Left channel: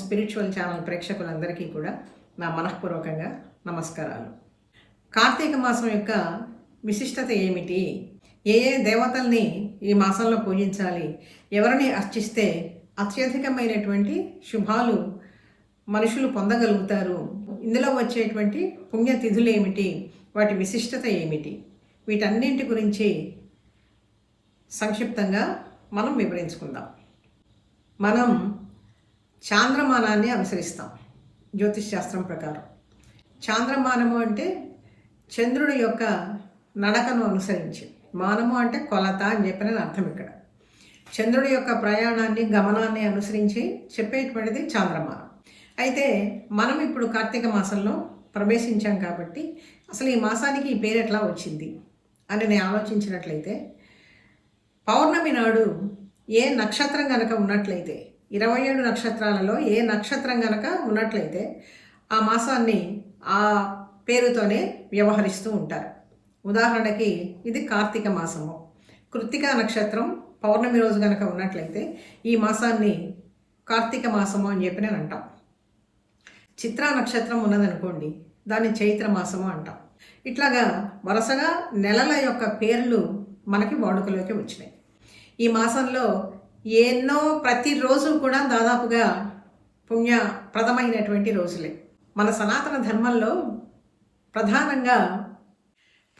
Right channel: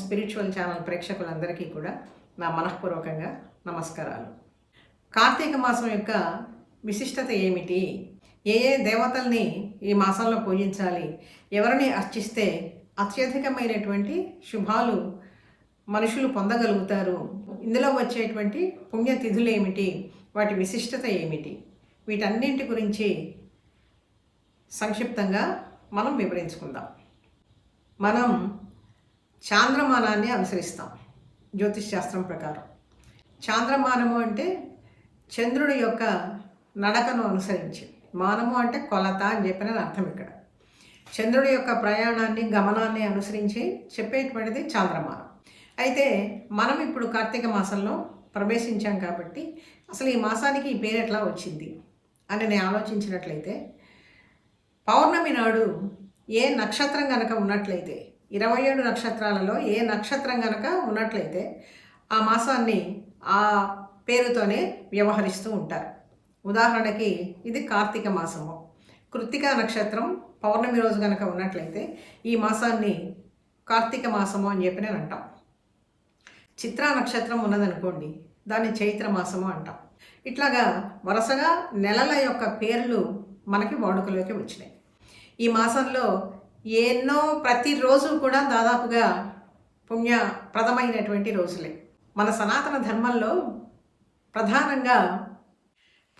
Spiritual channel ప్రేక్షకులందరికీ కూడా నా మనఃపూర్వకంగా నమస్కారాలు. కార్తీక మాసం యొక్క విశిష్టత ఏమిటి? ఏ ఏ దేవతల్ని ఈ మాసంలో పూజించాలి? ఎవరిని అర్చిస్తే అత్యధికమైనటువంటి శుభాలు మనుషులు పొందగలుగుతారు? ఇందులో వచ్చేటువంటి పుణ్యతిథులు ఏమిటి? వాటి విశిష్టత ఏమిటి? వీటన్నింటి గురించి సంక్షిప్తంగా మనం వివరించుకుందాం. మనం చాంద్రమానాన్ని అనుసరిస్తాం జ్యోతిష్ శాస్త్రం ప్రకారం. చాంద్రమానము అంటే చంద్రుడి యొక్క నడకను అనుసరించి, మానము అంటే కొలత అని చెప్పిన అర్థం. ఇక్కడ చంద్రుడి యొక్క ప్రయాణాన్ని, గమనాన్ని అనుసరించి చెప్పేటువంటిది చాంద్రమానం. అయితే మనం ఇప్పుడు కార్తీక మాసంలో ప్రవేశించాం కాబట్టి అసలు ఈ మాసానికి ఈ పేరు ఎట్లా వచ్చింది అని నేను ఆలోచించినట్లయితే, పౌర్ణమి నాడు ఏ నక్షత్రం కనుక ఉన్నట్లయితే, 27 నక్షత్రాలలో ఏ నక్షత్రం కనుక ఉన్నట్లయితే ఆ మాసాన్ని ఆ పేరుతోనే వ్యవహరిస్తూ ఉంటారు. ఉదాహరణకి ఇది కార్తీక మాసము. కృత్తికా నక్షత్రం పౌర్ణమి రోజు కనుక ఉన్నట్లయితే ఈ మాసాన్ని కార్తీక మాసము అని చెప్పి నేను అంటాం. చిత్రా నక్షత్రం ఉన్నదనుకోండి, దాన్ని చైత్ర మాసము అంటాం. ఇట్లాగా వరుసగా నెలల యొక్క పేర్లు మనకి వాడుకలోకి వచ్చినాయి. ఈ మాసంలో ఎన్నో ప్రతిరోజు కూడా దాదాపుగా పుణ్యప్రదమైనటువంటి రోజులే. మన సనాతన ధర్మంలో ప్రధానంగా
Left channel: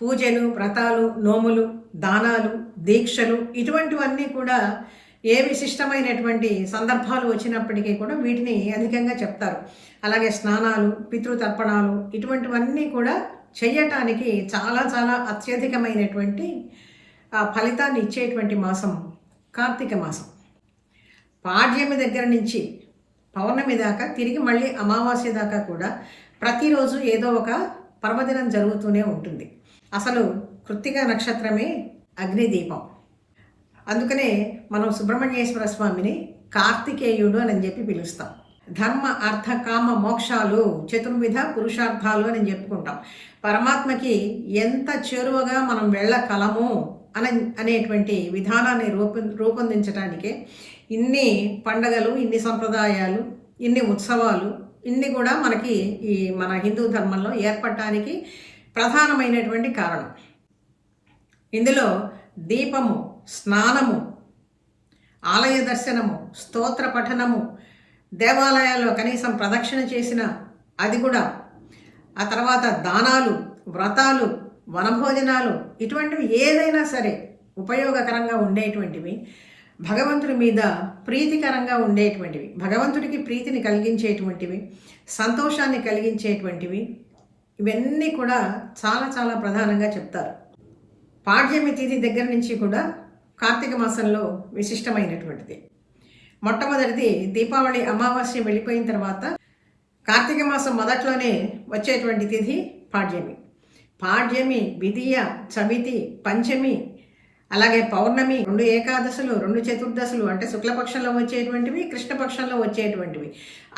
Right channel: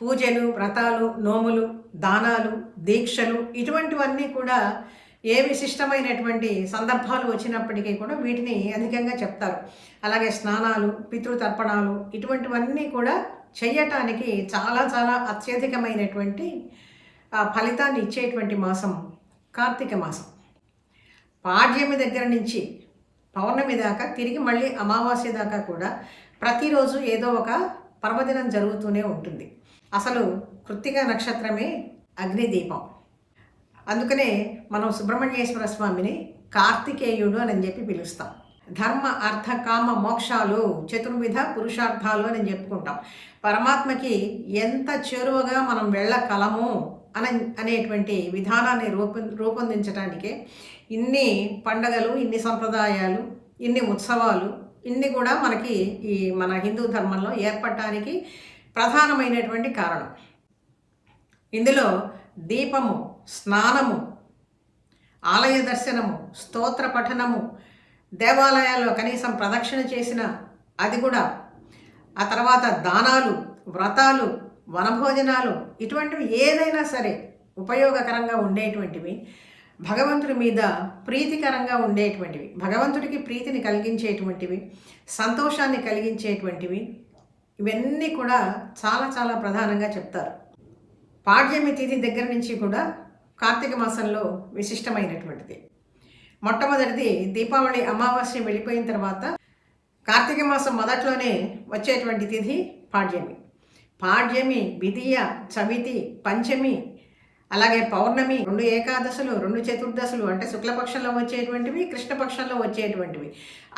పూజలు, వ్రతాలు, నోములు, దానాలు, దీక్షలు ఇటువంటివన్నీ కూడా ఏ విశిష్టమైనటువంటి సందర్భాలు వచ్చినప్పటికీ కూడా వీటిని అధికంగా చెప్తారు. అలాగే స్నానాలు, పితృతర్పణాలు ఇటువంటివన్నీ కూడా చెయ్యటానికి చాలా చాలా అత్యధికమైనటువంటి ఫలితాన్ని ఇచ్చేటువంటి మాసం కార్తీక మాసం. పాడ్యమి దగ్గర నుంచి పౌర్ణమి దాకా, తిరిగి మళ్ళీ అమావాస్య దాకా కూడా ప్రతిరోజు ఏదో ఒక పర్వదినం జరుగుతూనే ఉంటుంది. అసలు కృత్తిక నక్షత్రమే అగ్నిదీపం. అందుకనే మనం సుబ్రహ్మణ్యేశ్వర స్వామిని కార్తికేయుడు అని చెప్పి పిలుస్తాం. ధర్మ, అర్థ, కామ, మోక్షాలు, చతుర్విధ పురుషార్థాలు అని చెప్పుకుంటాం. పరమాత్మకి ఎంత చేరువగా మనం వెళ్ళగలము అనేటువంటి విధానాన్ని రూపొందించడానికే ఇన్ని పండగలు, ఇన్ని సంప్రదాయాలు, ఇన్ని ఉత్సవాలు, ఇన్ని కూడా మనకి ఈ మన హిందూ ధర్మంలో ఏర్పడటానికి ప్రధానమైనటువంటి కారణం. ఇందులో దీపము, స్నానము, ఆలయ దర్శనము, స్తోత్ర పఠనము, దేవాలయాల్లో కనీసం ప్రదక్షిణ చేసిన అది కూడా, ఆ తర్వాత దానాలు, వ్రతాలు, వనభోజనాలు ఇటువంటివి ఏదైనా సరే ఉపయోగకరంగా ఉండేటువంటివి, భగవంతుడి మీద ప్రీతికరంగా ఉండేటువంటివి, భగవంతుడికి ప్రీతిని కలిగించేటువంటివి, సంతోషాన్ని కలిగించేటువంటివి, ఇవన్నీ కూడా చాలా చాలా ప్రధానంగా చెప్తారు. పాడ్యమి తిథి దగ్గర నుంచి కూడా కార్తీక మాసంలో విశిష్టమైనటువంటిది. మొట్టమొదటిది దీపావళి అమావాస్య వెళ్ళిపోయిన తర్వాత కార్తీక మాసం మొదట్లోనే వచ్చేటువంటి తిథి పాడ్యమి. పాడ్యమి, విదియ, చవితి, పంచమి, అలాగే పౌర్ణమి, 2 ఏకాదశులు, 2 చతుర్దశులు అంటే శుక్లపక్షంలో వచ్చేటువంటివి, కృష్ణపక్షంలో వచ్చేటువంటివి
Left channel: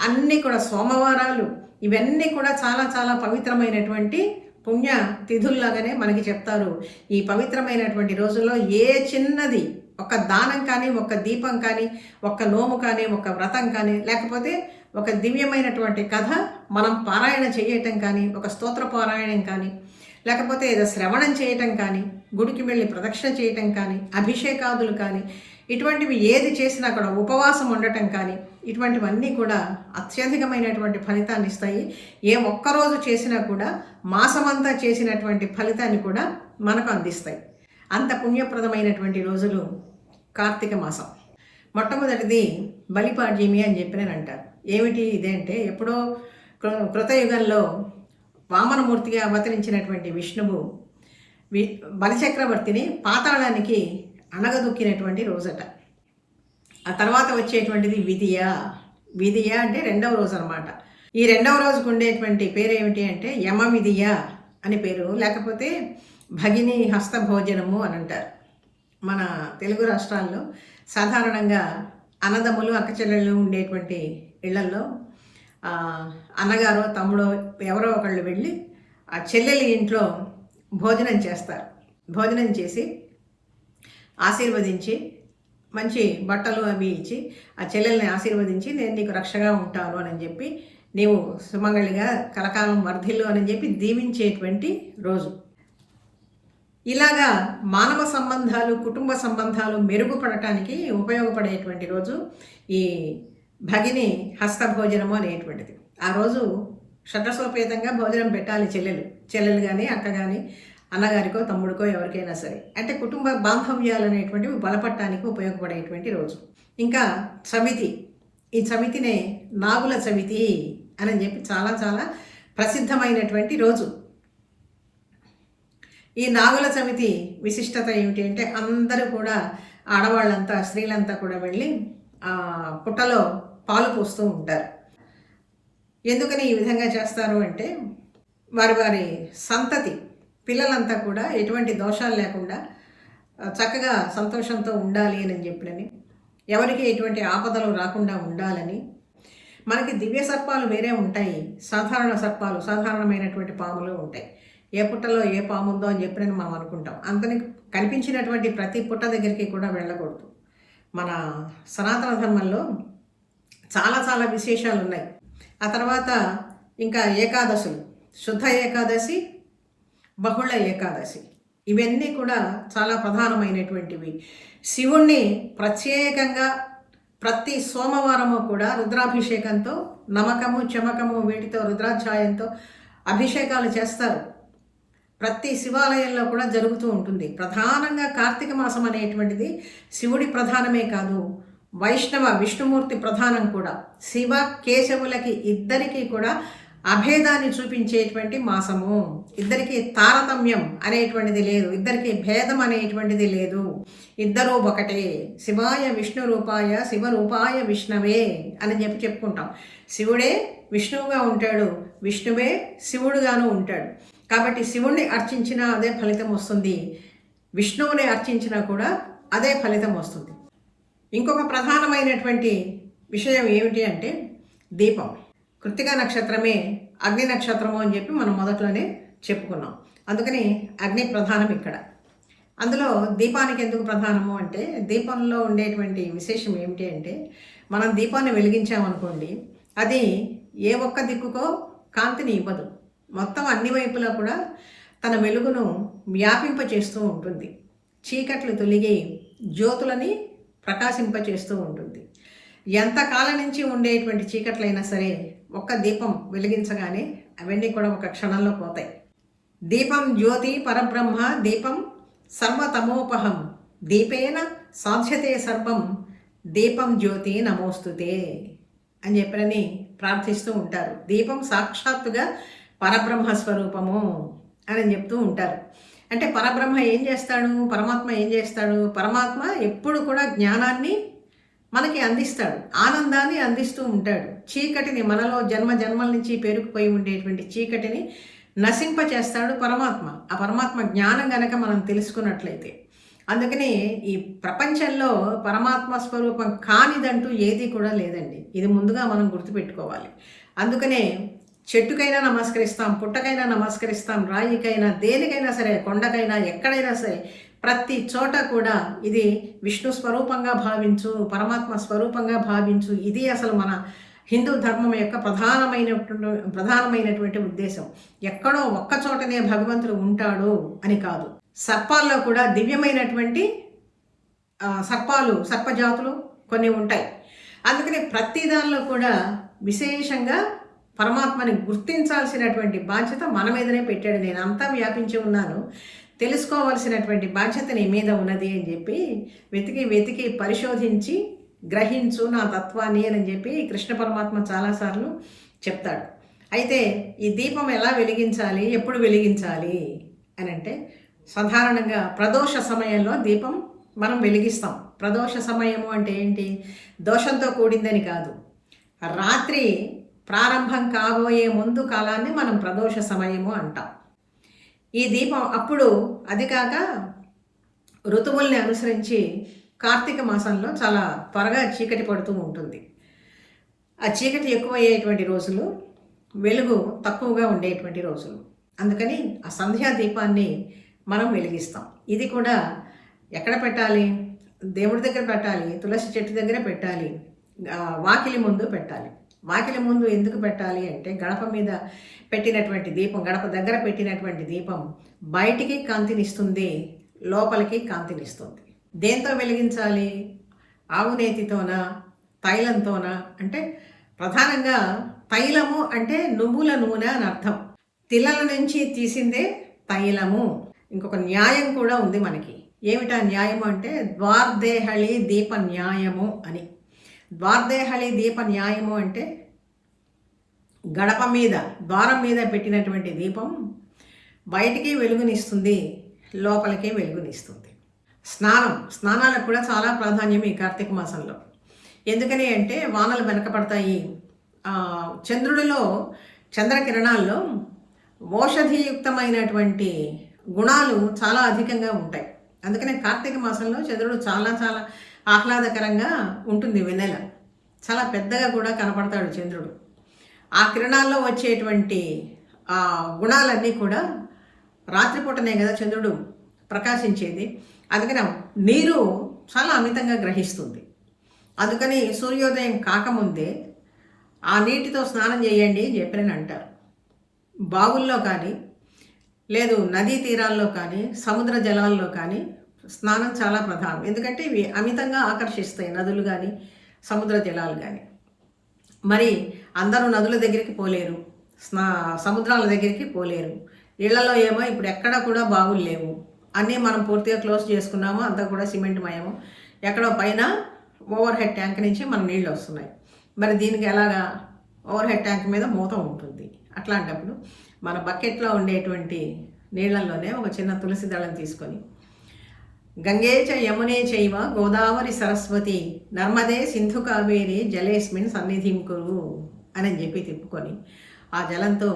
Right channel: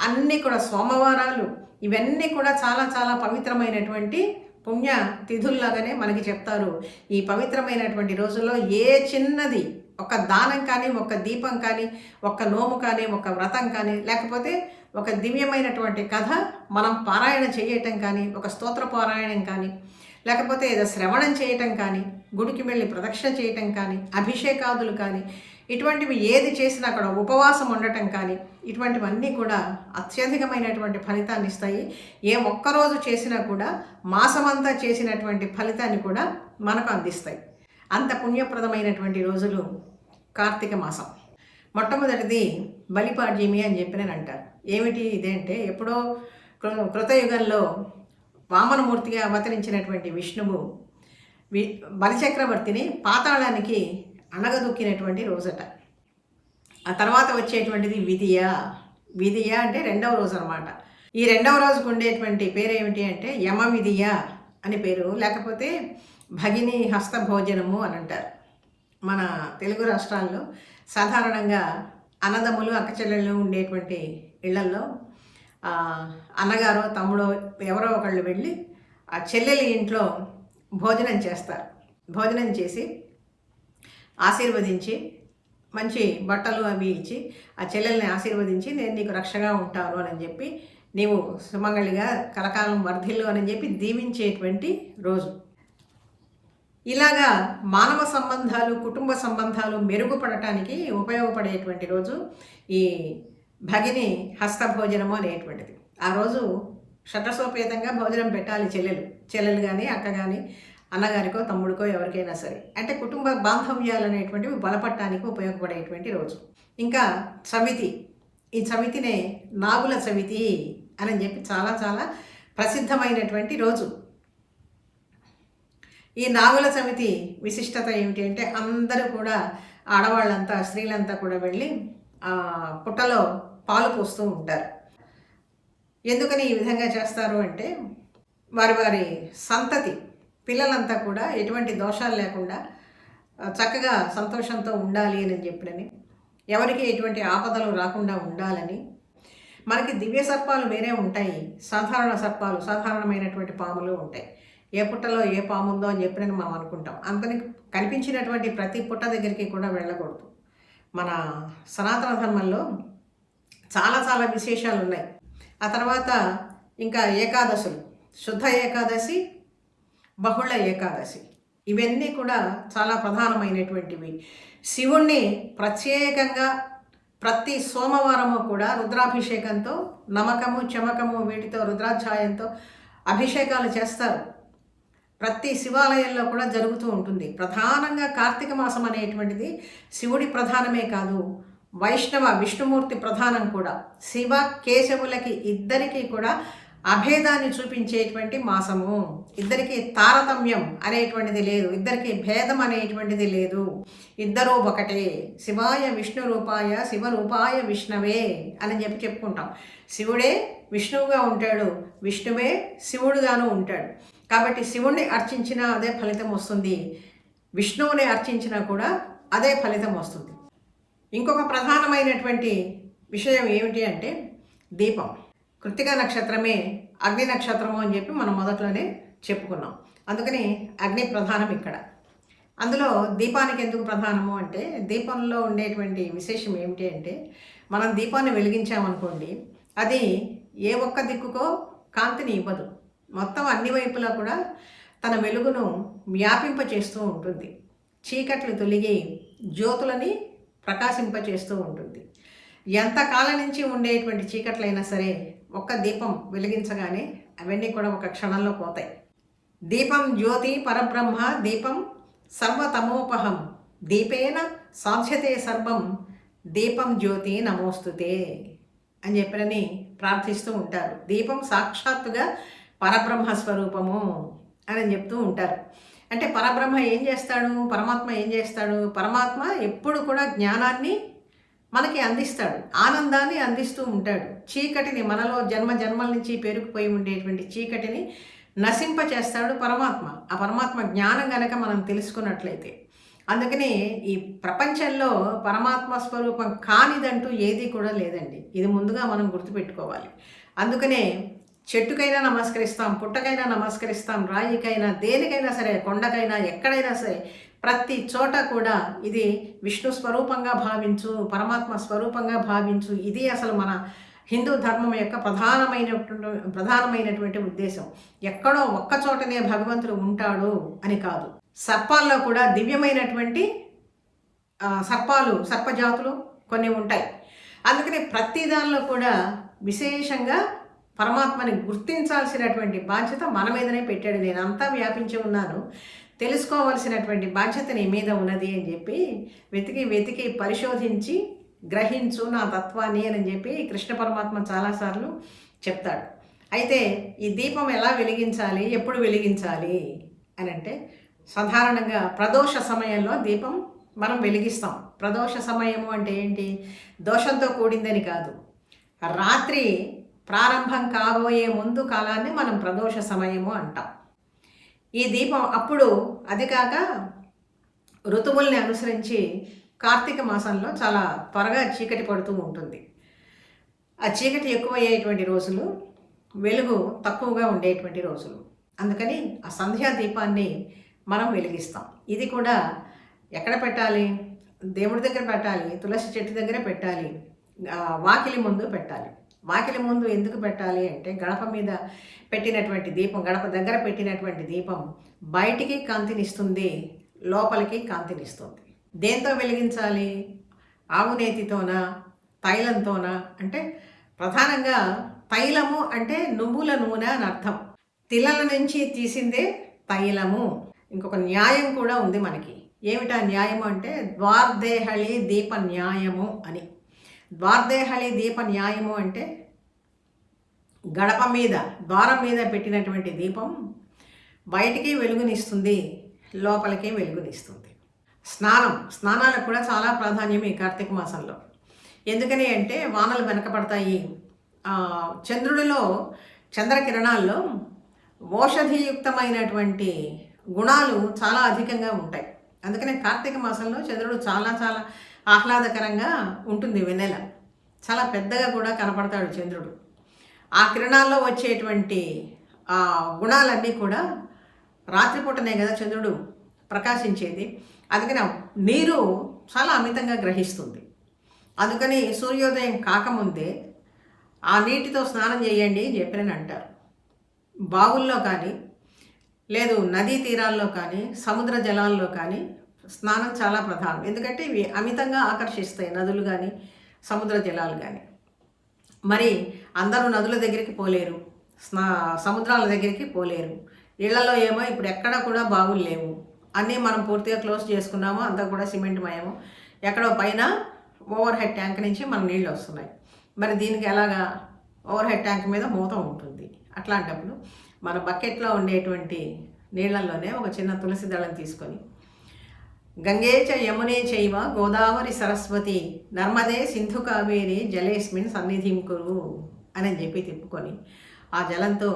అన్నీ కూడా సోమవారాలు, ఇవన్నీ కూడా చాలా చాలా పవిత్రమైనటువంటి పుణ్య తిథుల్లాగానే మనకి చెప్తారు. ఈ పవిత్రమైనటువంటి రోజుల్లో ఏ చిన్నది, ఒక దానం కానీ, ఒక దీపం కానీ, ఒక నోము కానీ, ఒక వ్రతం కానీ, లేకపోతే ఒక దివ్యమైనటువంటి కథ మనం పారాయణ చేయటం కానీ, ఒక స్తోత్ర పారాయణం కానీ, లేకపోతే ఏదో శ్రవణం చేయటం కానీ, గుడికి వెళ్ళి ప్రదక్షిణ చేయటం కానీ, అభిషేకాదులు కానీ, ఇటువంటివి ఏది చేసినా అక్కడ ఉపవాసం ఉండటం కానీ, ఇటువంటివన్నీ కూడా అత్యధికమైనటువంటి ఫలితాన్ని ఇస్తాయి. ఏ ఒక్కరోజు చేసినా కూడా మాసమంతా చేసినటువంటి ఫలితాన్ని కూడా మనకు అందిస్తాయి. అంత పుణ్యప్రదమైనటువంటి రోజులు కార్తీక మాసం. మొట్టమొదటిది బలిపాడ్యమి అని చెప్పి నేను అంటారు. ఏమిటి ఇదేంటే, ఎప్పుడో కృతయుగంలో వామనమూర్తిగా అవతరించినటువంటి విష్ణువు బలిచక్రవర్తిని పాతాళానికి అణగదొక్కినటువంటి రోజట. ఆ తర్వాత వచ్చేటువంటిది విదియ. విదియ అంటే 2వ రోజు అనమాట. ఈ 2వ రోజుకు ఉండేటువంటి పేరు ఏమిటి అంటే యమ విదియ అని పేరు, లేకపోతే భగిని హస్త భోజనము అని అంటారు. మన తెలుగు రాష్ట్రాల్లో సాధారణంగా అన్నదమ్ములు, అక్కచెల్లెళ్ళు ఉండేటువంటి ఇళ్లల్లో అన్నగారో తమ్ముడో ఎవరో ఒకళ్ళు వెళ్ళి ఆ చెల్లెలి ఇంట్లో భోజనం చేస్తారు. భోజనం చేసి ఆశీర్వదించి మంచి బట్టలు అవి ఇచ్చి ఆ చెల్లెల్ని ఆశీర్వదించి నేను నీకు రక్షగా ఉంటాను అని చెప్పి నీవు సుమంగళిగా కలకాలం వర్ధిల్లు అని చెప్పి దీవించేటువంటి రోజు. ఇలాగా మానవ సంబంధాలు, కుటుంబ సంబంధాలు మెరుగుపడటానికి ఉపయోగపడేటువంటి రోజు ఈ భగిని హస్తభోజనము అనేటువంటిది. ఆ రోజు షట్రసోపేతంగా భోజనం పెట్టాలి చెల్లెలు కానీ అక్క కానీ అన్నగారికో తమ్ముడికో ఎవరికైనా సరే. అంటే కుటుంబ బాంధవ్యాలు అనేటువంటివి బలపడటానికి ఉపయోగపడేటువంటి రోజు. ఇంకా చవితి, ఈ చవితినే నాగుల చవితి అని చెప్పి చాలా చాలా ప్రసిద్ధమైనటువంటి రోజు. ఈ నాగుల చవితి విశిష్టత ఏమిటి అంటే అందరూ కూడా ఆడవాళ్ళంతా స్త్రీలంతా కూడా వెళ్ళి పుట్టలో పాలు పోస్తూ ఉంటారు. ఎందుకని ఈ విధంగా చేస్తారు అంటే వారి వారి సంతతి పిల్లలంతా కూడా ఎటువంటి దోషాలు లేకుండా చక్కగా సంతోషంతో ఉండాలి అని చెప్పినని, ఎవరికి ఎటువంటి ఆపదలు రాకుండా ఉండాలని. మనకి దివ్య సర్పాలు వేరే ఉంటాయి, సాధారణ సర్పాలు, సాధారణమైనటువంటి పాములు ఉంటాయి. ఏ పుట్టలో ఏ పాము ఉందో అని చెప్పినని మనం అనుకుంటాం. అంతని కనిపించినటువంటి ప్రతి పుట్ట దగ్గరికి కూడా వెళ్ళకూడదు. మన సనాతన ధర్మంలో చాలా చాలా విశేషాలు ఉన్నాయి. ఆ తర్వాత ఇంకా ఏకాదశులు, శుద్ధ ఏకాదశి, బహుళ ఏకాదశి, ఇవన్నీ కూడా చాలా ప్రధానమైనటువంటివి. శివుణ్ణి ప్రత్యేకంగా ప్రతి సోమవారము కూడా రుద్రాభిషేకంతో, నమకము చమకము వీటితో రుద్రాధ్యాయంతో అభిషేకాలు చేస్తారు. ప్రతి శివాలయంలో కూడా జరుగుతూ ఉంటుంది. ప్రధానంగా కార్తీక మాసం అనేటువంటిది శివుడి ప్రధానమే కాదు, వైష్ణవ విష్ణుమూర్తి ప్రధానం కూడా. శివ కేశవులకి ఇద్దరికీ కూడా అభేదాన్ని చూపించేటువంటి మాసము. ఇద్దరికి తారతమ్యం అనేటువంటిది లేదు, ఇద్దరికి భేదం అనేటువంటిది లేదు, ఇద్దరూ ఒకటే. శివాయ విష్ణు రూపాయ శివరూపాయ విష్ణవే అని చెప్పి చెప్పుకుంటాం. శివుడే విష్ణువుగా ఉంటాడు, విష్ణువే శివుడుగాను ఉంటాడు. కాబట్టి శివుణ్ణి అర్చించినా అదే ఫలితం వస్తుంది, విష్ణువుని అర్చించినా కూడా అదే ఫలితం వస్తుంది. ఇంకొక ప్రధానమైనటువంటి విషయం ఏమిటి అంటే దీపం. కృత్తికా నక్షత్రమే అగ్ని నక్షత్రము అని చెప్పి మనం మొదట్లోనే చెప్పుకున్నాం. అందుకని అగ్ని ప్రధానం ఇక్కడ. అందులో దీపానికి ఎందుకు ప్రధానము అంటే దీపంలో ఉండేటువంటి విశేషం ఏమిటి అంటే మనం దీపాన్ని వెలిగించామనుకోండి, అది ఏ ఒక్క దిక్కుకో కాంతిని ఇవ్వదు, మొత్తం అన్ని వైపులా కూడా తన వెలుగును వ్యాపింపచేస్తూ ఉంటుంది. చీకట్లు తొలగి జ్యోతులని ప్రకాశింపచేస్తూ ఉంటుంది. ఎంతకాలం నుంచి ఉండేటువంటి చీకట్లైనా సరే ఒక్క దీపం వెలిగించగానే అవన్నీ కూడా ఒక క్షణంలో పోతాయి. దీపం జ్యోతి పరబ్రహ్మ దీపం సర్వతమోపహం దీపేన సాధ్యతే సర్వం దీపం జ్యోతి నమోస్తుతే అని చెప్పని ప్రార్థిస్తూ ఉంటారు. దీపం సాక్షాత్తుగా పరబ్రహ్మ స్వరూపము అని చెప్తూ ఉంటారు. అంటే పరబ్రహ్మ ఏం చేస్తాడు, పరమాత్మ ఏం చేస్తాడు? పరమాత్మ ఎప్పుడు కూడా జ్ఞానాన్ని మనకి అందిస్తాడు, ఆనందాన్ని అందిస్తూ ఉంటాడు. చీకటిని, మనలో జన్మ జన్మల నుంచి పేరుకుపోయి ఉండేటువంటి చీకటిని నశింపచేస్తాడు పరమాత్మ. ఆ పరమాత్మ జ్ఞానం కనుక మనం తెలుసుకున్నట్లయితే. అందుకని ఈ ప్రపంచంలో పరమాత్మ స్వరూపం కానిదంటూ ఏది కూడా లేదండి. ఇది ముందుగా మనం గుర్తుపెట్టుకోవాలి. అందుకనే చెట్టుకైనా నమస్కరిస్తాం, పుట్టకైనా నమస్కరిస్తాం, రాయికైనా, దేనికైనా సరే, కొండకైనా, ఎక్కడైనా సరే, ప్రతి చోట కూడా ఇది విష్ణు స్వరూపంగా భావించు, పరమాత్మ స్వరూపంగా భావించు. ఇది అసలు మన హిందూ ధర్మం యొక్క ప్రధానమైనటువంటి ఉద్దేశం. ఎక్కడో ఒక్క చోటనే భగవంతుడు ఉంటాడు అని కాదు. సర్పాల్లో కూడా దివ్యమైనటువంటి సర్పజాతులు కొన్ని ఉంటాయి. అందుకని ప్రతి దానిలో కూడా విశేషంగా పరమాత్మని గుర్తించాల్సినటువంటి బాధ్యత మన మీదనే పెట్టాడు. నేను అంతా వ్యాపించి ఉన్నాను, తెలుసుకోవాల్సినటువంటి బాధ్యత నీ మీద ఉన్నది అని చెప్పి వెతికి పరిశోధించి గ్రహించు నా తత్వాన్ని అని చెప్పి కృష్ణ పరమాత్మ చాలాసార్లు చెప్తాడు. అయితే ఈ దీపం ఎలా వెలిగించాలి, ఎప్పుడు వెలిగించాలి అని అంటే సాధారణంగా ప్రదోష సమయంలో దీపం మనం వెలిగిస్తాం. ప్రదోష సమయము అంటే ఏంటి? దోషంతో కూడిందని కాదు, రాత్రి ప్రారంభం కాబోయే ముందు కాలాన్ని మనం ప్రదోష సమయము అంటాం. ఈ దీపం అప్పుడు, అది కాక ఋతువుల్ని అనుసరించి కార్తీక మాసంలో చాలా త్వరగా చీకటి పడుతూ ఉంటుంది. ఆ చీకటి ఎక్కువయ్యేటువంటి రోజులు, వెలుగు తక్కువగా ఉండేటువంటి రోజులు. అందుకని ఆ సంధ్యా దీపాన్ని మనం వెలిగిస్తాం. ఇది కూడా ఎక్కడ పెట్టాలి? దేవుడి దగ్గర పెట్టాలి, తులసి చెట్టు దగ్గర పెట్టాలి. వాకిలి ముందు పెట్టాలి. వాకిలి ముందు ఎందుకు పెట్టాలి అంటే గడప మీద పెట్టినటువంటి దీపం, గడప దగ్గర పెట్టినటువంటి దీపం బయటికి కాంతినిస్తుంది, లోపలికి కాంతినిస్తుంది. దేంతో వెలిగించాలి? ఆవు నేతితోనా, తైలంతోనా? అంటే ప్రధానంగా తైలము అంటే నువ్వుల నూనె అని అర్థం. తిలల నుంచి తీసిందే తైలము. ఇంకొక న్యాయం కూడా ఉంది మనకి. ఏమిటా న్యాయము అంటే ద్వార్దేహళి దీప న్యాయము అని. ద్వార్దేహళి దీప న్యాయము అంటే గడప మీద, ద్వారం మీద పెట్టినటువంటి దీపం బయటికి వెలుగునిస్తుంది, లోపలికి వెలుగునిస్తుంది. స్నానాలకు కూడా చాలా ప్రాధాన్యం ఈ కార్తీక మాసంలో. ఎందుకని అంటే వానలు వెనకపడతాయి. చంద్రుడిలో, చంద్రకిరణాల్లో ఔషధియుక్తమైనటువంటి గుణాలు చాలా అధికంగా ఉంటాయి. అందుకనే కార్తీక మాసంలో చంద్రుడు చాలా చాలా ఆహ్లాదకరంగా ఉంటుంది. వెన్నెల చాలా పెద్దగా కూడా కనపడతాడు చంద్రుడు. ఆ కిరణాల్లో వచ్చేటువంటి ఆ గుణాలన్నీ కూడా రాత్రిపూటనే కదా చంద్రుడు ప్రకాశించేది. అందుకని నీరు చాలా అమితంగా గ్రహిస్తుంది. అందుకని సూర్యోదయం కాకముందే ఆ నీటితో స్నానం చేయండి అని చెప్పని అంటారు. బావుల్లో కానీ, లేదు నదీ తీరాల్లో కానీ, సముద్ర జలాల్లో కానీ స్నానం చాలా ప్రధానం. ఎందుకంటే ఇవి అమితంగా ఆకర్షిస్తాయి, నదులు కానీ సముద్ర జలాలు కానీ. మరి అందరూ నదుల దగ్గరికి పోలేరు, సముద్రాల దగ్గరికి పోలేరు. ఇళ్లలో ఏమో ఇప్పుడు ఎక్కడ కూడా బావులు లేవు, అన్నీ మనం పూర్తిగా క్లోజ్ చేసుకున్నాము, అంతా కూడా సిమెంట్ మయము. ఎక్కడో పైన ఓవర్ హెడ్ ట్యాంక్ నుంచి మన నీళ్ళు వస్తున్నాయి. మరి దీనికి ఎలాగా? ఓవర్ హెడ్ ట్యాంక్ మీద మూత ఉంటుంది. అట్లాంటప్పుడు మన బకెట్లో ఉండేటువంటి నీళ్లలోనే ఒక చిన్న తులసి దళం తీసుకొని గంగే చ యమునే చైవ గోదావరి సరస్వతి నర్మదే సింధు కావేరి జలేస్మిన్ సన్నిధిం కురు అని చెప్పి తిప్పుకొని ఆ జలంతో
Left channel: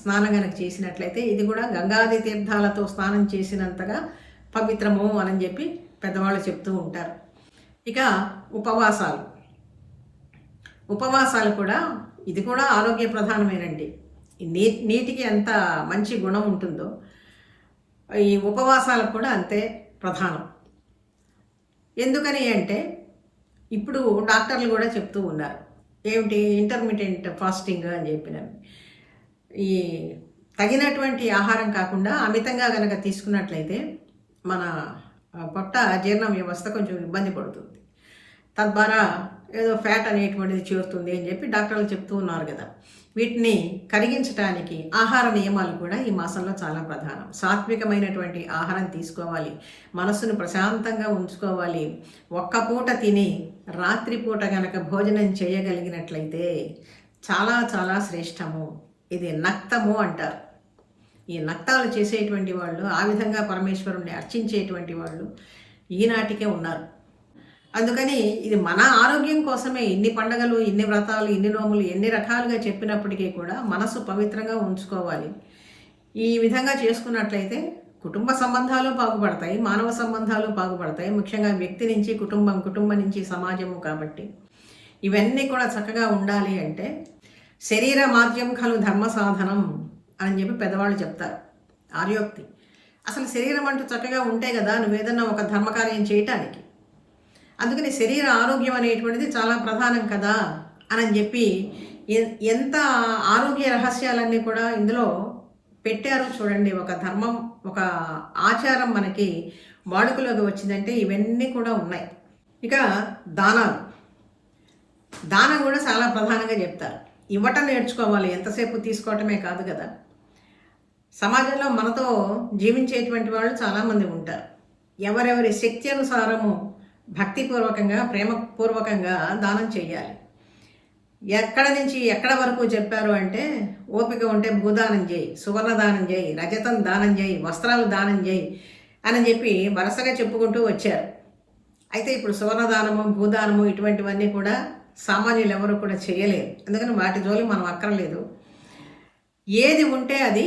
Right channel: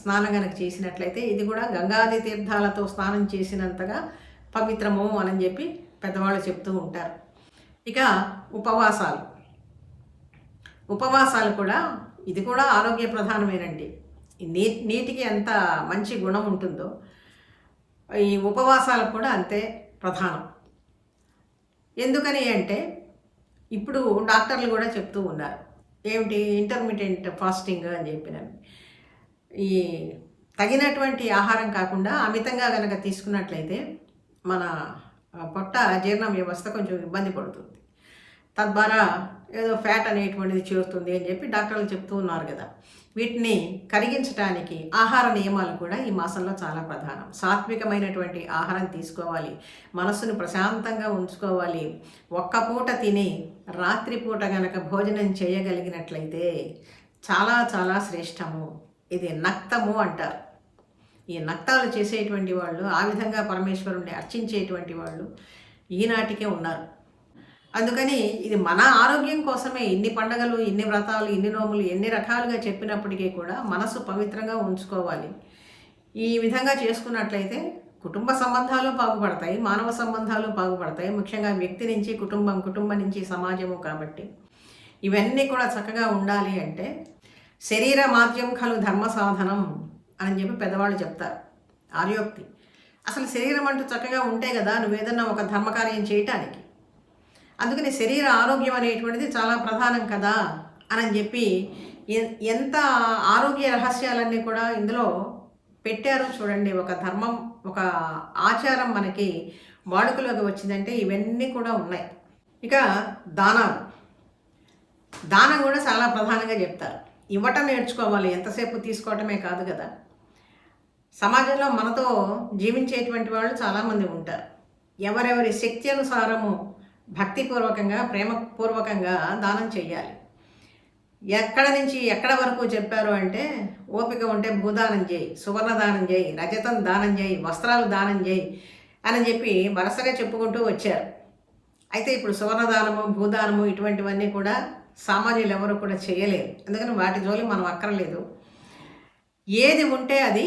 స్నానం కనుక చేసినట్లయితే ఇది కూడా గంగాది తీర్థాలతో స్నానం చేసినంతగా పవిత్రము అని చెప్పి పెద్దవాళ్ళు చెప్తూ ఉంటారు. ఇక ఉపవాసాలు కూడా, ఇది కూడా ఆరోగ్య ప్రధానమేనండి. నీటికి ఎంత మంచి గుణం ఉంటుందో ఈ ఉపవాసాలకు కూడా అంతే ప్రధానం. ఎందుకని అంటే ఇప్పుడు డాక్టర్లు కూడా చెప్తూ ఉన్నారు, ఏమిటి ఇంటర్మీడియట్ ఫాస్టింగ్ అని చెప్పినవి. ఈ తగినటువంటి ఆహారం కాకుండా అమితంగా కనుక తీసుకున్నట్లయితే మన పొట్ట జీర్ణ వ్యవస్థ కొంచెం ఇబ్బంది పడుతుంది. తద్వారా ఏదో ఫ్యాట్ అనేటువంటిది చేరుతుంది అని చెప్పి డాక్టర్లు చెప్తూ ఉన్నారు కదా. వీటిని కరిగించడానికి ఆహార నియమాలు కూడా ఈ మాసంలో చాలా ప్రధానం. సాత్వికమైనటువంటి ఆహారం తీసుకోవాలి, మనసును ప్రశాంతంగా ఉంచుకోవాలి. ఒక్క పూట తిని రాత్రిపూట గనక భోజనం చేయగలిగినట్లయితే చాలా చాలా శ్రేష్టము. ఇది నక్తము అంటారు. ఈ నక్తాలు చేసేటువంటి వాళ్ళు, ఆ విధంగా పరమేశ్వరుణ్ణి అర్చించేటువంటి వాళ్ళు ఈనాటికే ఉన్నారు. అందుకని ఇది మన ఆరోగ్యం కోసమే ఇన్ని పండగలు, ఇన్ని వ్రతాలు, ఇన్ని నోములు, ఎన్ని రకాలుగా చెప్పినప్పటికీ కూడా మనసు పవిత్రంగా ఉంచుకోవాలి. ఈ విధంగా చేసుకున్నట్లయితే కుటుంబ సంబంధాలు బాగుపడతాయి, మానవ సంబంధాలు బాగుపడతాయి. ముఖ్యంగా వ్యక్తి నుంచి కుటుంబం, కుటుంబం నుంచి సమాజము. కాబట్టి ఇవన్నీ కూడా చక్కగా ఉండాలి అంటే శరీర మాధ్యం ఖలు ధర్మ సాధనం అని చెప్పి పెద్దవాళ్ళు చెప్తారు. ఆర్యోక్తి. అసలు శరీరం అంటూ చక్కగా ఉంటే కదా నువ్వేదన్నా ఒక ధర్మకార్యం చేయటానికి. అందుకని శరీర ఆరోగ్యం అనేటువంటిది చాలా ప్రధానం కదా అని చెప్పి ఎంత ఆరోగ్య రహస్యాలన్నీ కూడా ఇందులో పెట్టారు చూడండి. ఒక ధర్మం, ఒక ఆచారం మనకి వాడుకలోకి వచ్చిందంటే ఇవన్నీ కూడా ఉన్నాయి. ఇక దానం కూడా చాలా ప్రధానంగా చెప్తారు. ఇవ్వటం నేర్చుకోవాలి, ఎంతసేపు తీసుకోవటమే కాదు కదా. సమాజంలో మనతో జీవించేటువంటి వాళ్ళు చాలామంది ఉంటారు. ఎవరెవరి శక్తి అనుసారము భక్తిపూర్వకంగా, ప్రేమపూర్వకంగా దానం చేయాలి. ఎక్కడ నుంచి ఎక్కడ వరకు చెప్పారు అంటే ఓపిక ఉంటే భూదానం చేయి, సువర్ణ దానం చేయి, రజతం దానం చేయి, వస్త్రాలు దానం చేయి అని చెప్పి వరుసగా చెప్పుకుంటూ వచ్చారు. అయితే ఇప్పుడు సువర్ణదానము, భూదానము ఇటువంటివన్నీ కూడా సామాన్యులు ఎవరు కూడా చేయలేరు. అందుకని వాటి జోలి మనం అక్కర్లేదు. ఏది ఉంటే అది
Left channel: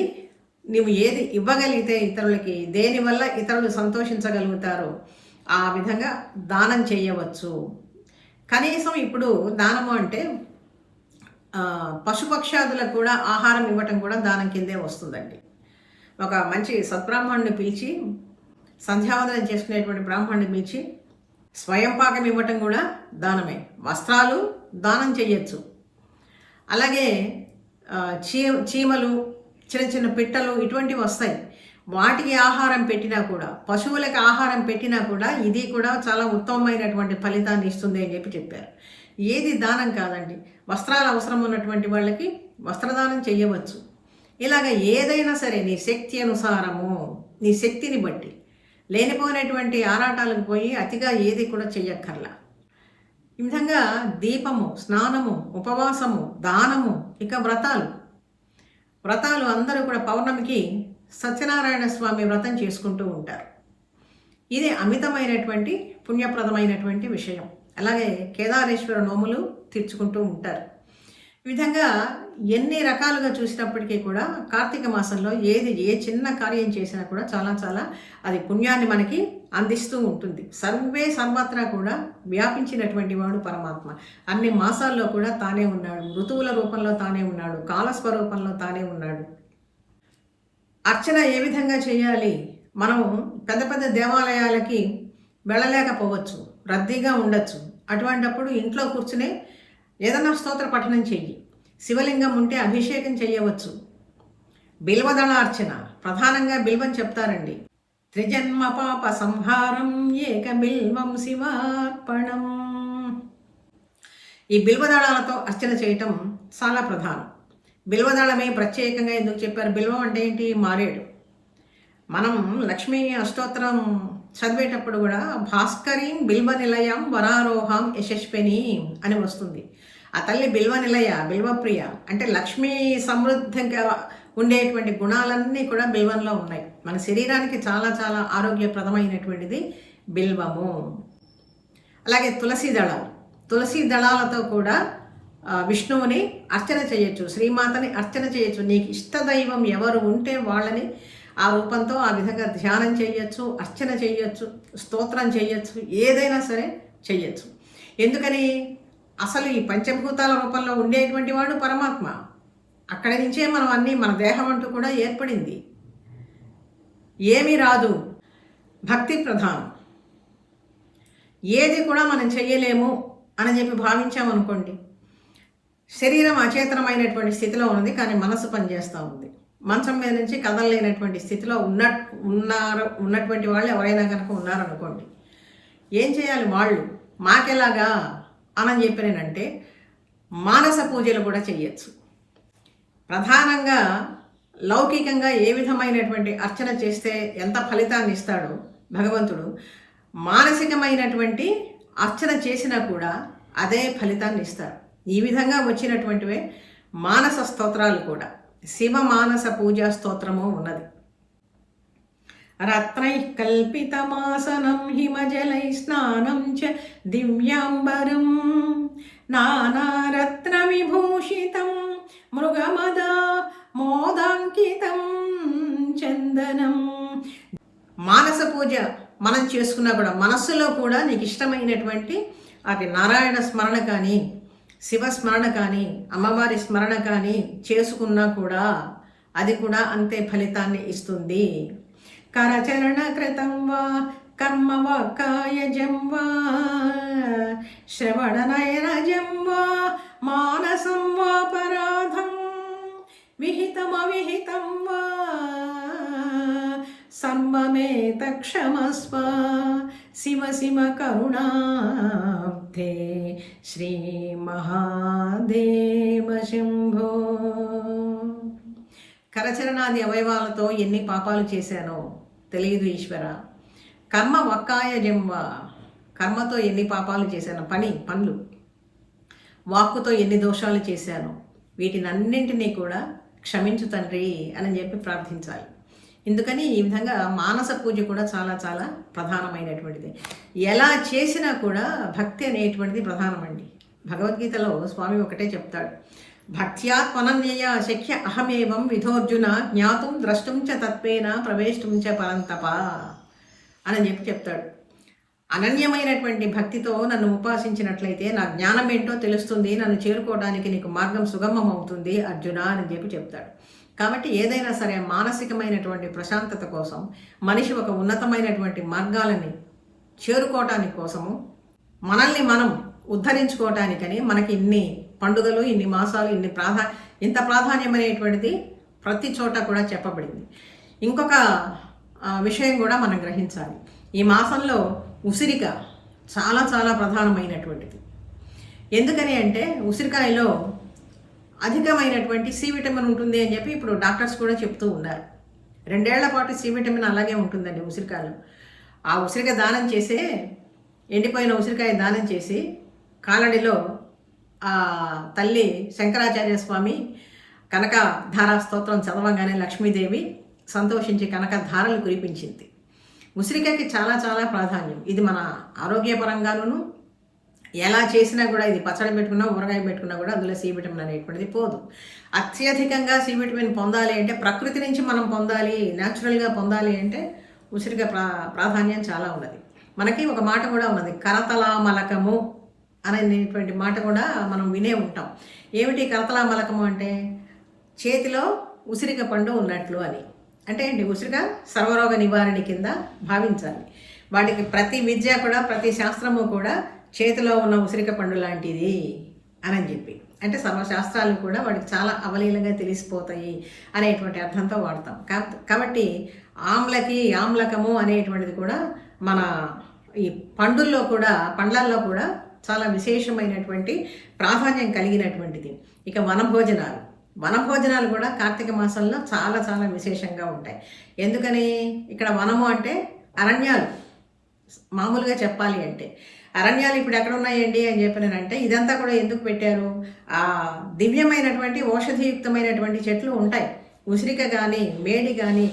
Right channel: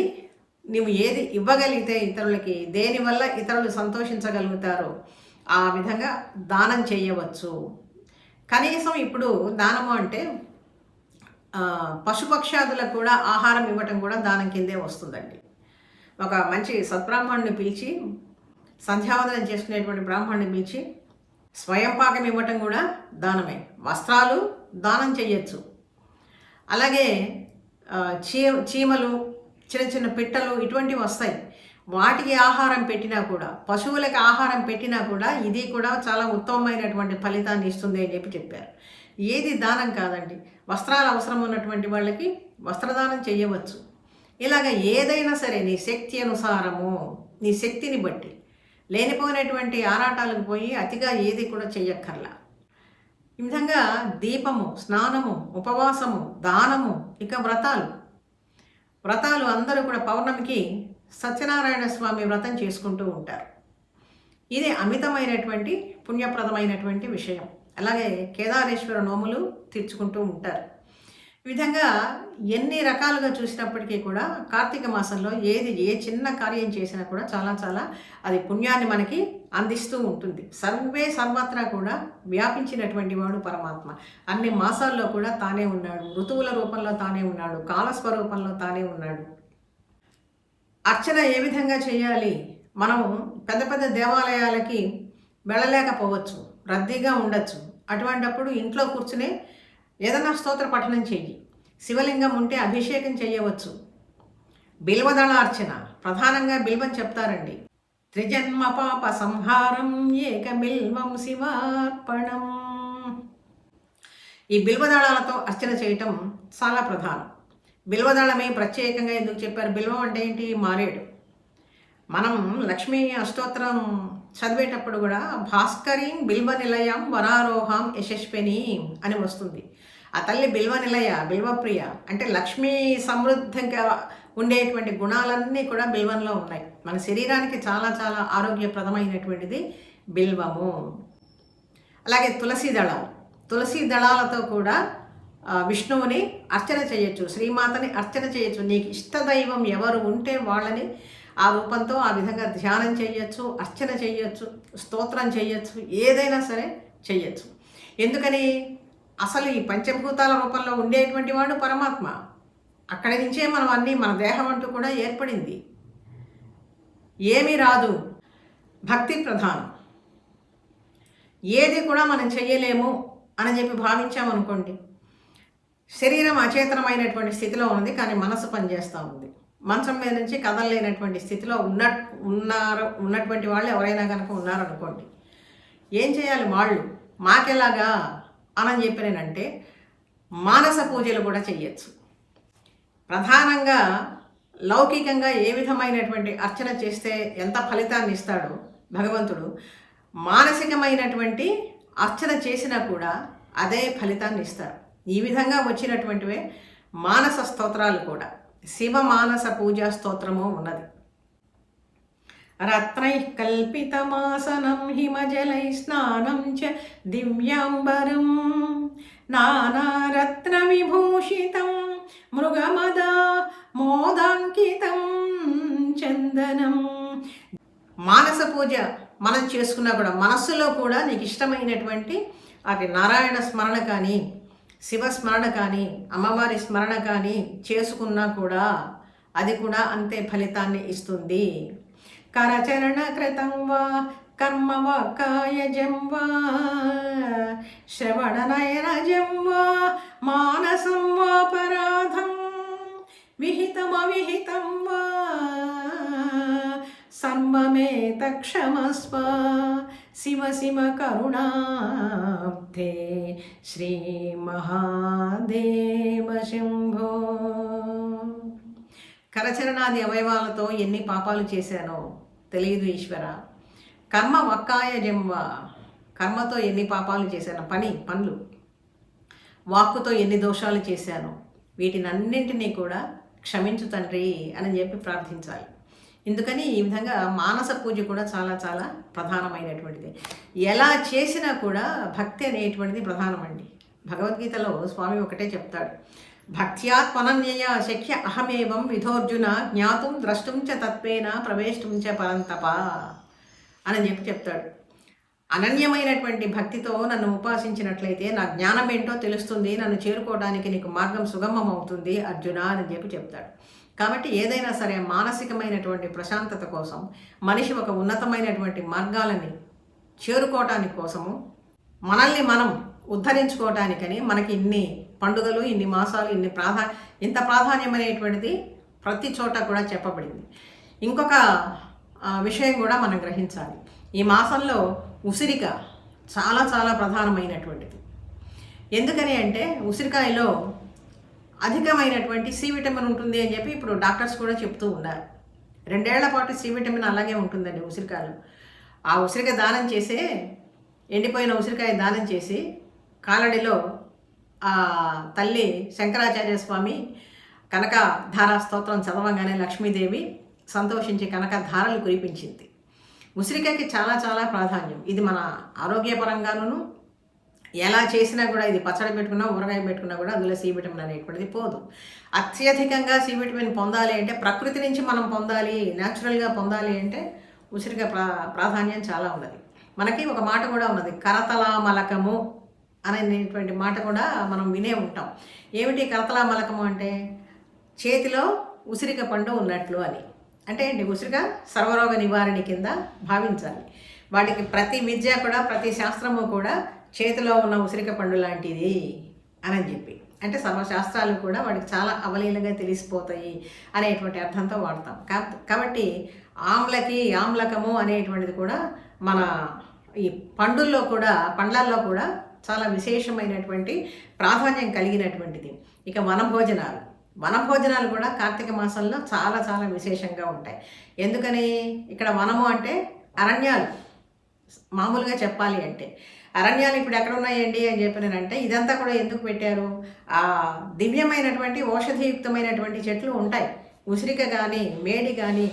నువ్వు ఏది ఇవ్వగలిగితే ఇతరులకి, దేనివల్ల ఇతరులు సంతోషించగలుగుతారో ఆ విధంగా దానం చేయవచ్చు. కనీసం ఇప్పుడు దానము అంటే పశుపక్షాదులకు కూడా ఆహారం ఇవ్వటం కూడా దానం కిందే వస్తుందండి. ఒక మంచి సత్బ్రాహ్మణుని పిలిచి, సంధ్యావందనం చేసుకునేటువంటి బ్రాహ్మణుని పిలిచి స్వయం పాకం ఇవ్వటం కూడా దానమే. వస్త్రాలు దానం చేయొచ్చు. అలాగే చీమలు, చిన్న చిన్న పిట్టలు ఇటువంటివి వస్తాయి. వాటికి ఆహారం పెట్టినా కూడా, పశువులకు ఆహారం పెట్టినా కూడా ఇది కూడా చాలా ఉత్తమమైనటువంటి ఫలితాన్ని ఇస్తుంది అని చెప్పారు. ఏది దానం కాదండి. వస్త్రాలు అవసరం ఉన్నటువంటి వాళ్ళకి వస్త్రదానం చేయవచ్చు. ఇలాగ ఏదైనా సరే నీ శక్తి అనుసారము, నీ శక్తిని బట్టి, లేనిపోయినటువంటి ఆరాటాలకు పోయి అతిగా ఏది కూడా చెయ్యక్కర్లా. ఈ విధంగా దీపము, స్నానము, ఉపవాసము, దానము, ఇక వ్రతాలు అందరూ కూడా పౌర్ణమికి సత్యనారాయణ స్వామి వ్రతం చేసుకుంటూ ఉంటారు. ఇది అమితమైనటువంటి పుణ్యప్రదమైనటువంటి విషయం. అలాగే కేదారేశ్వర నోములు తీర్చుకుంటూ ఉంటారు. ఈ విధంగా ఎన్ని రకాలుగా చూసినప్పటికీ కూడా కార్తీక మాసంలో ఏ చిన్న కార్యం చేసినా కూడా చాలా చాలా అది పుణ్యాన్ని మనకి అందిస్తూ ఉంటుంది. సర్వత్రా కూడా వ్యాపించినటువంటి వాడు పరమాత్మ. అన్ని మాసాల్లో కూడా తానే ఉన్నాడు. ఋతువుల రూపంలో తానే ఉన్నాడు. కాలస్వరూపంలో తానే ఉన్నాడు. అర్చన ఏ విధంగా చేయాలి? మనం పెద్ద పెద్ద దేవాలయాలకి వెళ్ళలేకపోవచ్చు, రద్దీగా ఉండొచ్చు. అటువంటప్పుడు ఇంట్లో కూర్చునే ఏదన్నా స్తోత్ర పఠనం చెయ్యి. శివలింగం ఉంటే అభిషేకం చేయవచ్చు. బిల్వదళ అర్చన, ప్రధానంగా బిల్వం చెప్తారండి. త్రిజన్మ పాప సంహారం ఏక బిల్వం శివార్పణం. ఈ బిల్వదళాలతో అర్చన చేయటం చాలా ప్రధానం. బిల్వదళమే ప్రత్యేకంగా ఎందుకు చెప్పారు? బిల్వం అంటే ఏంటి? మారేడు. మనం లక్ష్మీ అష్టోత్తరం చదివేటప్పుడు కూడా భాస్కరీం బిల్వ నిలయం వరారోహం యశస్విని అని వస్తుంది. ఆ తల్లి బిల్వ నిలయ, బిల్వప్రియ అంటే లక్ష్మీ సమృద్ధిగా ఉండేటువంటి గుణాలన్నీ కూడా బిల్వంలో ఉన్నాయి. మన శరీరానికి చాలా చాలా ఆరోగ్యప్రదమైనటువంటిది బిల్వము. అలాగే తులసి దళాలతో కూడా విష్ణువుని అర్చన చేయొచ్చు, శ్రీమాతని అర్చన చేయొచ్చు. నీకు ఇష్టదైవం ఎవరు ఉంటే వాళ్ళని ఆ రూపంతో ఆ విధంగా ధ్యానం చేయొచ్చు, అర్చన చేయొచ్చు, స్తోత్రం చేయొచ్చు, ఏదైనా సరే చేయొచ్చు. ఎందుకని? అసలు ఈ పంచభూతాల రూపంలో ఉండేటువంటి వాడు పరమాత్మ. అక్కడి నుంచే మనం అన్నీ, మన దేహం అంటూ కూడా ఏర్పడింది. ఏమీ రాదు, భక్తి ప్రధానం. ఏది కూడా మనం చెయ్యలేము అని చెప్పి భావించామనుకోండి, శరీరం అచేతనమైనటువంటి స్థితిలో ఉంది, కానీ మనసు పనిచేస్తూ ఉంది. మంచం మీద నుంచి కదలలేనటువంటి స్థితిలో ఉన్నటువంటి వాళ్ళు ఎవరైనా కనుక ఉన్నారనుకోండి, ఏం చేయాలి? వాళ్ళు మాకెలాగా అని చెప్పినంటే మానస పూజలు కూడా చెయ్యొచ్చు. ప్రధానంగా లౌకికంగా ఏ విధమైనటువంటి అర్చన చేస్తే ఎంత ఫలితాన్ని ఇస్తాడో భగవంతుడు, మానసికమైనటువంటి అర్చన చేసినా కూడా అదే ఫలితాన్ని ఇస్తాడు. ఈ విధంగా వచ్చినటువంటివే మానస స్తోత్రాలు కూడా. శివ మానస పూజా స్తోత్రము ఉన్నది. రత్నై కల్పితమాసనం హిమజలై స్నానం చ దివ్యాంబరం నానారత్న విభూషితం మృగమద మోదాంకితం చందనం. మానస పూజ మనం చేసుకున్నా కూడా మనస్సులో కూడా నీకు ఇష్టమైనటువంటి అది నారాయణ స్మరణ కానీ, శివ స్మరణ కానీ, అమ్మవారి స్మరణ కానీ చేసుకున్నా కూడా అది కూడా అంతే ఫలితాన్ని ఇస్తుంది. కరచరణ కృతం వా కర్మ వా కాయజం వా శ్రవణనయనజం వా మానసం వా పరాధం విహితమవిహితం వా సమ్మమేత క్షమస్వ శివ శివ కరుణాబ్ధే శ్రీ మహాదేవ శంభో. కరచరణాది అవయవాలతో ఎన్ని పాపాలు చేశానో తెలియదు ఈశ్వర. కర్మ వక్కాయ జంవ, కర్మతో ఎన్ని పాపాలు చేశాను, పనులు, వాక్కుతో ఎన్ని దోషాలు చేశాను, వీటినన్నింటినీ కూడా క్షమించు తండ్రి అని చెప్పి ప్రార్థించాలి. ఎందుకని ఈ విధంగా మానస పూజ కూడా చాలా చాలా ప్రధానమైనటువంటిది. ఎలా చేసినా కూడా భక్తి అనేటువంటిది ప్రధానమండి. భగవద్గీతలో స్వామి ఒకటే చెప్తాడు, భక్త్యాత్మనన్యయ శక్య అహమేవం విధోర్జున జ్ఞాతుం ద్రష్టుం చ తత్వేన ప్రవేశం చ పరంతప అని చెప్తాడు. అనన్యమైనటువంటి భక్తితో నన్ను ఉపాసించినట్లయితే నా జ్ఞానం ఏంటో తెలుస్తుంది, నన్ను చేరుకోవడానికి నీకు మార్గం సుగమం అవుతుంది అర్జున అని చెప్తాడు. కాబట్టి ఏదైనా సరే మానసికమైనటువంటి ప్రశాంతత కోసం మనిషి ఒక ఉన్నతమైనటువంటి మార్గాలని చేరుకోవటానికి కోసము, మనల్ని మనం ఉద్ధరించుకోవటానికని మనకి ఇన్ని పండుగలు, ఇన్ని మాసాలు, ఇంత ప్రాధాన్యమైనటువంటిది ప్రతి చోట కూడా చెప్పబడింది. ఇంకొక విషయం కూడా మనం గ్రహించాలి. ఈ మాసంలో ఉసిరిక చాలా చాలా ప్రధానమైనటువంటిది. ఎందుకని అంటే ఉసిరికాయలో అధికమైనటువంటి సి విటమిన్ ఉంటుంది అని చెప్పి ఇప్పుడు డాక్టర్స్ కూడా చెప్తూ ఉన్నారు. 2 ఏళ్ల పాటు సి విటమిన్ అలాగే ఉంటుందండి ఉసిరికాయలు. ఆ ఉసిరికాయ దానం చేసే, ఎండిపోయిన ఉసిరికాయ దానం చేసి కాలడిలో ఆ తల్లి శంకరాచార్య స్వామి కనక ధారా స్తోత్రం చదవంగానే లక్ష్మీదేవి సంతోషించి కనక ధారలు కురిపించింది. ఉసిరికాయకి చాలా చాలా ప్రాధాన్యం. ఇది మన ఆరోగ్యపరంగాను ఎలా చేసినా కూడా, ఇది పచ్చడి పెట్టుకున్నా, ఊరగాయ పెట్టుకున్నా కూడా అందులో సి విటమిన్ అనేటువంటిది పోదు. అత్యధికంగా సి విటమిన్ పొందాలి అంటే, ప్రకృతి నుంచి మనం పొందాలి, న్యాచురల్గా పొందాలి అంటే ఉసిరికాయ ప్రాధాన్యం చాలా ఉన్నది. మనకి ఒక మాట కూడా ఉన్నది, కరతలామలకము అనేటువంటి మాట కూడా మనం వినే ఉంటాం. ఏమిటి కరతలామలకము అంటే? చేతిలో ఉసిరిక పండు ఉన్నట్లు అని. అంటే ఏంటి? ఉసిరిక సర్వరోగ నివారణ కింద భావించాలి. వాటికి ప్రతి విద్య కూడా, ప్రతి శాస్త్రము కూడా చేతిలో ఉన్న ఉసిరిక పండు లాంటిది అని చెప్పి, అంటే సర్వశాస్త్రాలు కూడా వాటికి చాలా అవలీలంగా తెలిసిపోతాయి అనేటువంటి అర్థంతో వాడతాం. కాబట్టి ఆమ్లకము అనేటువంటిది కూడా మన ఈ పండ్లల్లో కూడా చాలా విశేషమైనటువంటి ప్రాధాన్యం కలిగినటువంటిది. ఇక వనభోజనాలు కూడా కార్తీక మాసంలో చాలా చాలా విశేషంగా ఉంటాయి. ఎందుకని? ఇక్కడ వనము అంటే అరణ్యాలు. మామూలుగా చెప్పాలి అంటే అరణ్యాలు ఇప్పుడు ఎక్కడ ఉన్నాయండి అని చెప్పినంటే, ఇదంతా కూడా ఎందుకు పెట్టారు? ఆ దివ్యమైనటువంటి ఔషధియుక్తమైనటువంటి చెట్లు ఉంటాయి. ఉసిరిక కానీ, మేడి కానీ,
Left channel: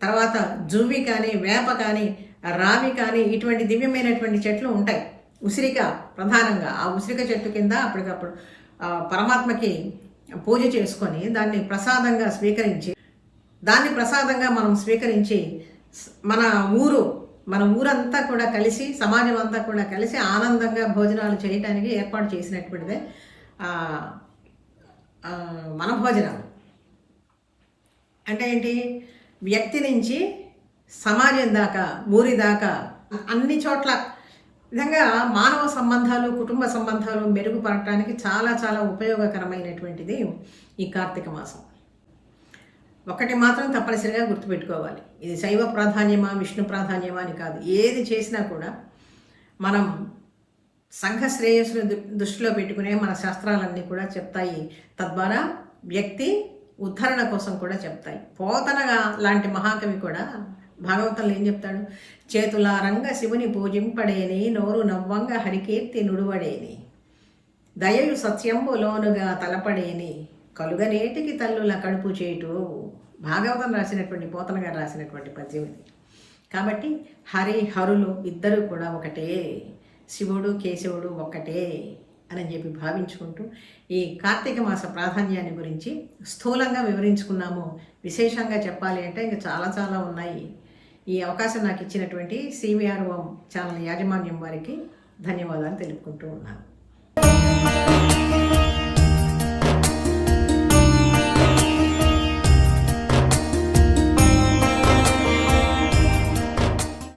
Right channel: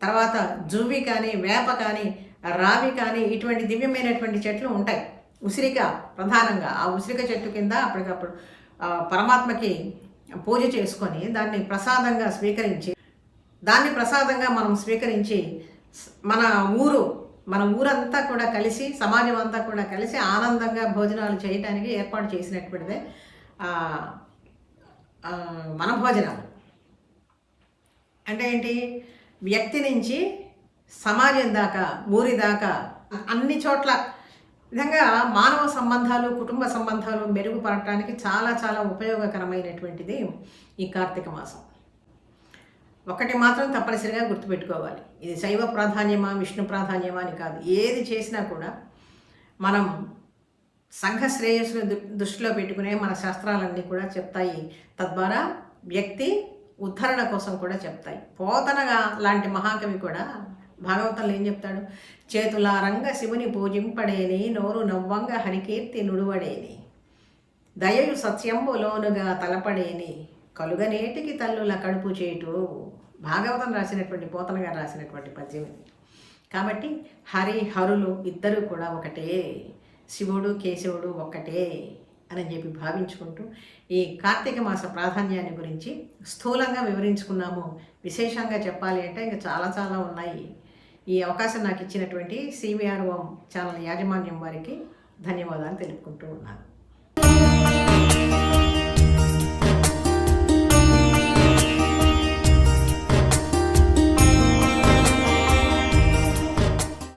తర్వాత జువ్వి కానీ, వేప కానీ, రావి కానీ, ఇటువంటి దివ్యమైనటువంటి చెట్లు ఉంటాయి. ఉసిరిక ప్రధానంగా ఆ ఉసిరిక చెట్టు కింద అప్పటికప్పుడు పరమాత్మకి పూజ చేసుకొని దాన్ని ప్రసాదంగా మనం స్వీకరించి మన ఊరంతా కూడా కలిసి, సమాజం అంతా కూడా కలిసి ఆనందంగా భోజనాలు చేయడానికి ఏర్పాటు చేసినటువంటిదే మన భోజనాలు. అంటే ఏంటి? వ్యక్తి నుంచి సమాజం దాకా, ఊరి దాకా, అన్ని చోట్ల విధంగా మానవ సంబంధాలు, కుటుంబ సంబంధాలు మెరుగుపడటానికి చాలా చాలా ఉపయోగకరమైనటువంటిది ఈ కార్తీక మాసం. ఒకటి మాత్రం తప్పనిసరిగా గుర్తుపెట్టుకోవాలి, ఇది శైవ ప్రాధాన్యమా, విష్ణు ప్రాధాన్యమా అని కాదు. ఏది చేసినా కూడా మనం సంఘ శ్రేయస్సును దృష్టిలో పెట్టుకునే మన శాస్త్రాలన్నీ కూడా చెప్తాయి. తద్వారా వ్యక్తి ఉద్ధరణ కోసం కూడా చెప్తాయి. పోతనగా లాంటి మహాకవి కూడా భాగవతంలో ఏం చెప్తాడు? చేతులారంగ శివుని పూజింపడేని, నోరు నవ్వంగ హరికీర్తి నుడువడేని, దయయు సత్యంబులోనుగా తలపడేని, కలుగనేటికి తల్లుల కడుపు చేటు. భాగవతం రాసినటువంటి, పోతన గారు రాసినటువంటి పద్యం. కాబట్టి హరులు ఇద్దరు కూడా ఒకటే, శివుడు కేశవుడు ఒక్కటే అని చెప్పి భావించుకుంటూ ఈ కార్తీక మాస ప్రాధాన్యాన్ని గురించి స్థూలంగా వివరించుకున్నాము. విశేషంగా చెప్పాలి అంటే ఇంకా చాలా చాలా ఉన్నాయి. ఈ అవకాశం నాకు ఇచ్చినటువంటి CVR ఛానల్ యాజమాన్యం వారికి ధన్యవాదాలు తెలుపుకుంటూ ఉన్నాను.